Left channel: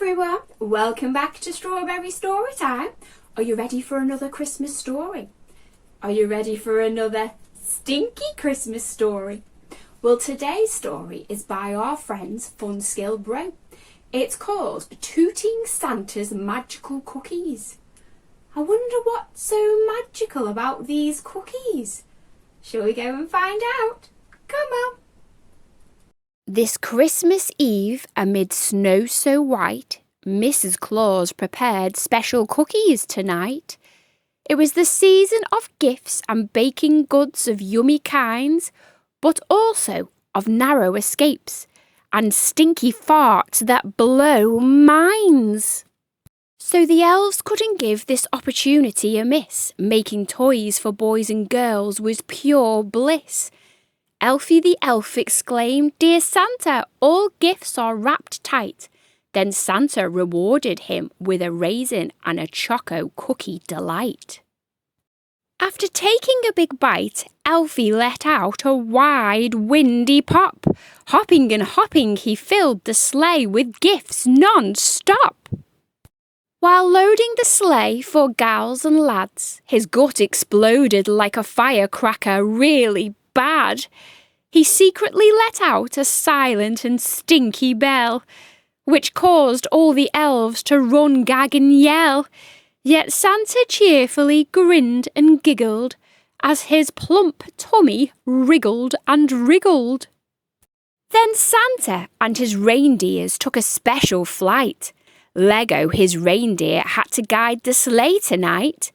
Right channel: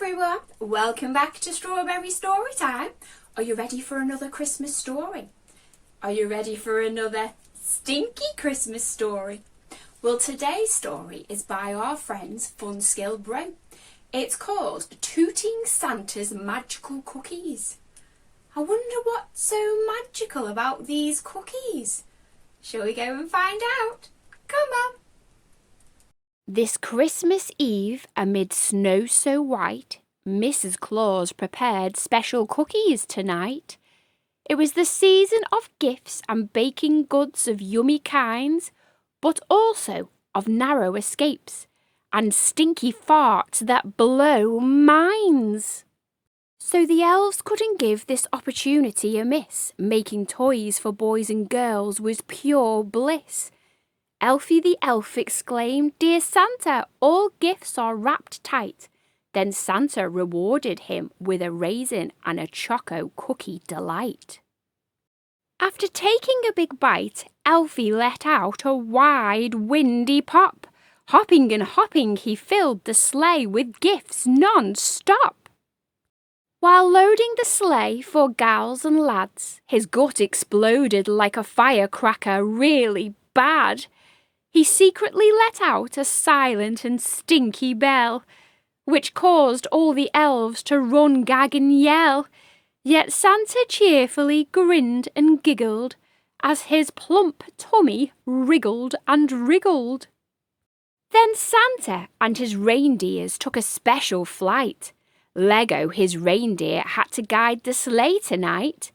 everyone, welcome back to Strawberry Story Time. Are you ready for another Christmas story? Are you ready for another stinky Christmas story? Well, today's story is by our friends Funskill Brew. It's called Tooting Santa's Magical Cookies. I wonder what's so magical about these cookies. Shall we go and find out? Come on. This Christmas Eve, amid snow so white, Mrs. Claus prepared special cookies tonight. It was the season of gifts and baking goods of yummy kinds, but also of narrow escapes and stinky farts that blow minds. So the elves couldn't give this opportunity amiss. Making toys for boys and girls was pure bliss. Elfie the elf exclaimed, "Dear Santa, all gifts are wrapped tight." Then Santa rewarded him with a raisin and a choco cookie delight. After taking a big bite, Elfie let out a wide, windy pop. Hopping and hopping, he filled the sleigh with gifts non-stop. While loading the sleigh for gals and lads, his gut exploded like a firecracker, really bad. He secretly let out a silent and stinky bell, which caused all the elves to run, gag and yell. Yet Santa cheerfully grinned and giggled as his plump tummy wriggled and wriggled. Then Santa and his reindeers took a special flight. Lego, his reindeer, had to guide the sleigh tonight.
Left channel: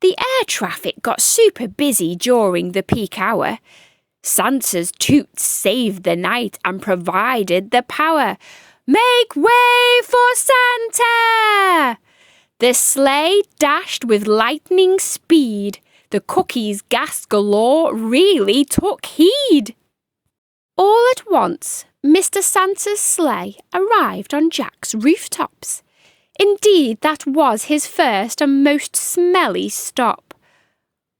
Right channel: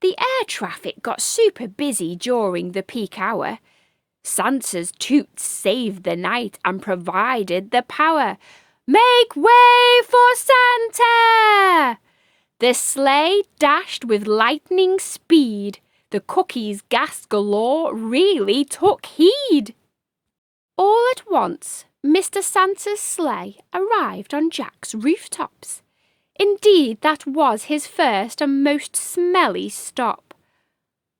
The air traffic got super busy during the peak hour. Santa's toots saved the night and provided the power. Make way for Santa! The sleigh dashed with lightning speed. The cookies gas galore really took heed. All at once, Mr. Santa's sleigh arrived on Jack's rooftops. Indeed, that was his first and most smelly stop.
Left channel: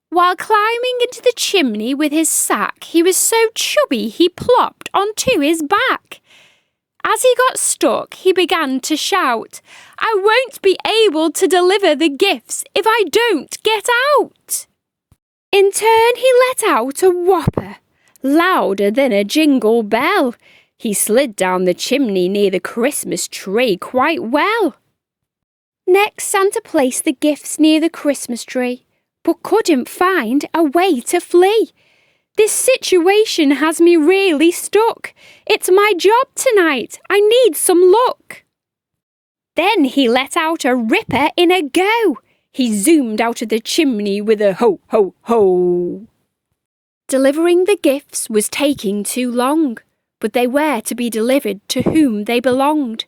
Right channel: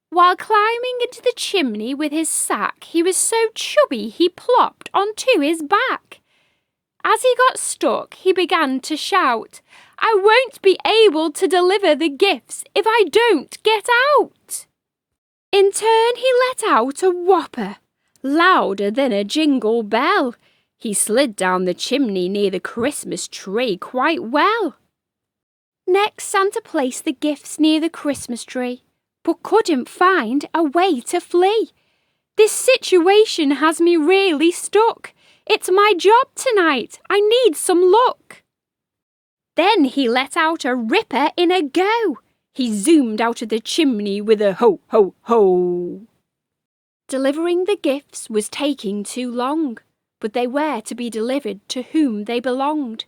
While climbing into the chimney with his sack, he was so chubby he plopped onto his back. As he got stuck, he began to shout, "I won't be able to deliver the gifts if I don't get out." In turn, he let out a whopper, louder than a jingle bell. He slid down the chimney near the Christmas tree quite well. Next, Santa placed the gifts near the Christmas tree, but couldn't find a way to flee. "This situation has me really stuck. It's my job tonight. I need some luck." Then he let out a ripper in a go. He zoomed out of the chimney with a ho, ho, ho. Delivering the gifts was taking too long, but they were to be delivered to whom they belonged.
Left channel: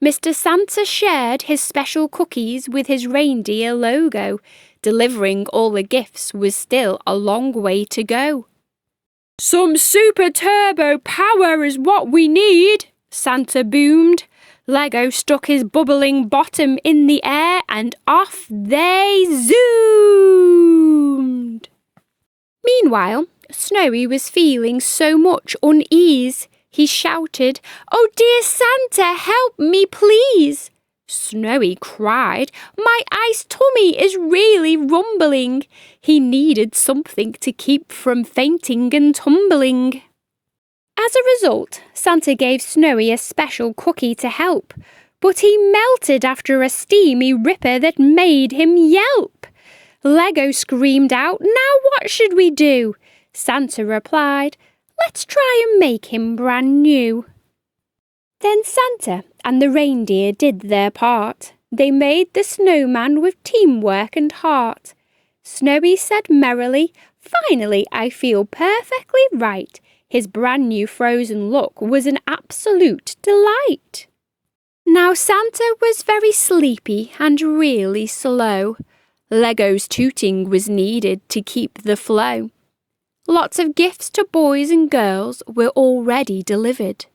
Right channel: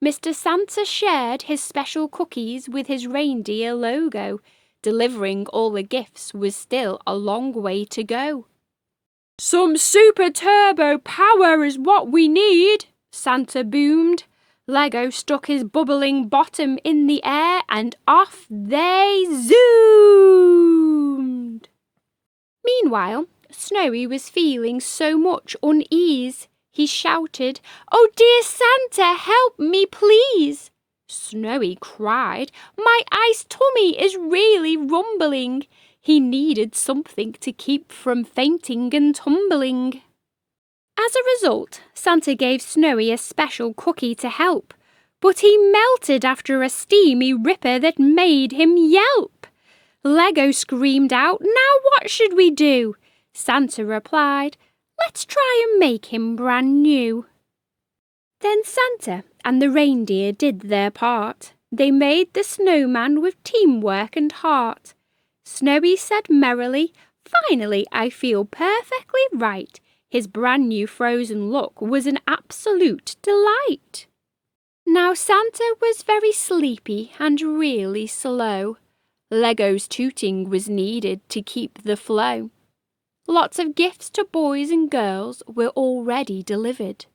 Mr. Santa shared his special cookies with his reindeer Logo. Delivering all the gifts was still a long way to go. "Some super turbo power is what we need," Santa boomed. Lego stuck his bubbling bottom in the air and off they zoomed. Meanwhile, Snowy was feeling so much unease. He shouted, "Oh dear Santa, help me please." Snowy cried, "My ice tummy is really rumbling." He needed something to keep from fainting and tumbling. As a result, Santa gave Snowy a special cookie to help, but he melted after a steamy ripper that made him yelp. Lego screamed out, "Now what should we do?" Santa replied, "Let's try and make him brand new." Then Santa and the reindeer did their part. They made the snowman with teamwork and heart. Snowy said merrily, "Finally, I feel perfectly right." His brand new frozen look was an absolute delight. Now Santa was very sleepy and really slow. Lego's tooting was needed to keep the flow. Lots of gifts to boys and girls were already delivered.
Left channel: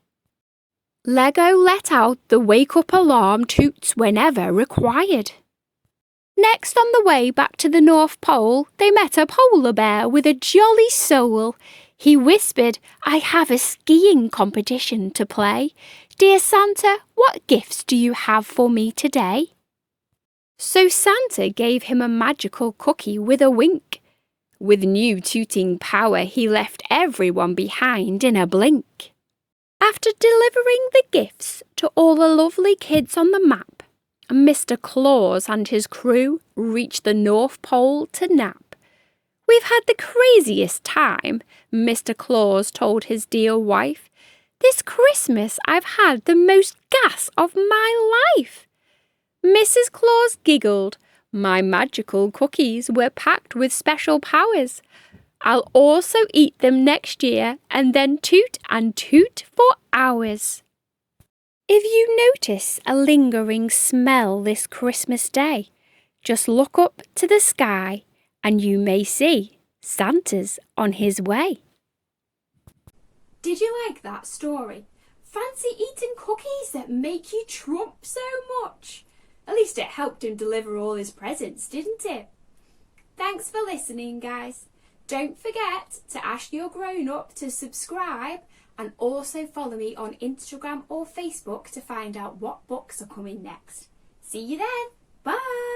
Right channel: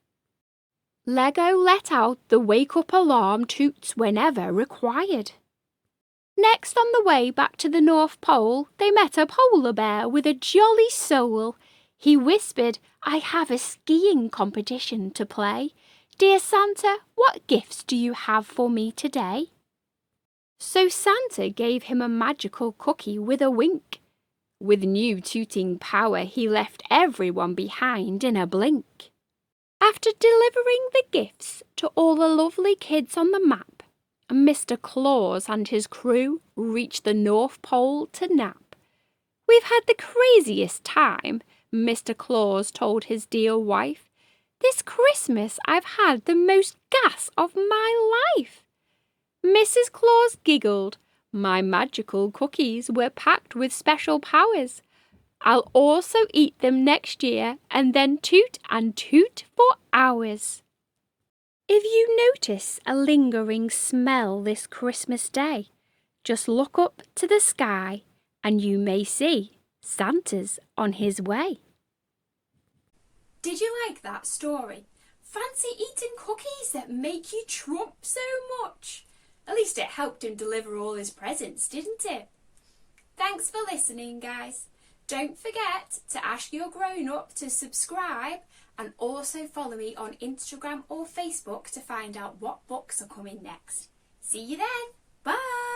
Lego let out the wake-up alarm toots whenever required. Next, on the way back to the North Pole, they met a polar bear with a jolly soul. He whispered, "I have a skiing competition to play. "Dear Santa, what gifts do you have for me today?" So Santa gave him a magical cookie with a wink. With new tooting power, he left everyone behind in a blink. After delivering the gifts to all the lovely kids on the map, Mr. Claus and his crew reached the North Pole to nap. "We've had the craziest time," Mr. Claus told his dear wife. "This Christmas I've had the most gas of my life." Mrs. Claus giggled. "My magical cookies were packed with special powers. I'll also eat them next year and then toot and toot for hours." If you notice a lingering smell this Christmas day, just look up to the sky and you may see Santa's on his way. Did you like that story? Fancy eating cookies that make you trump so much? At least it helped him deliver all his presents, didn't it? Thanks for listening, guys. Don't forget to ask your grown-up to subscribe and also follow me on Instagram or Facebook to find out what books are coming next. See you then. Bye.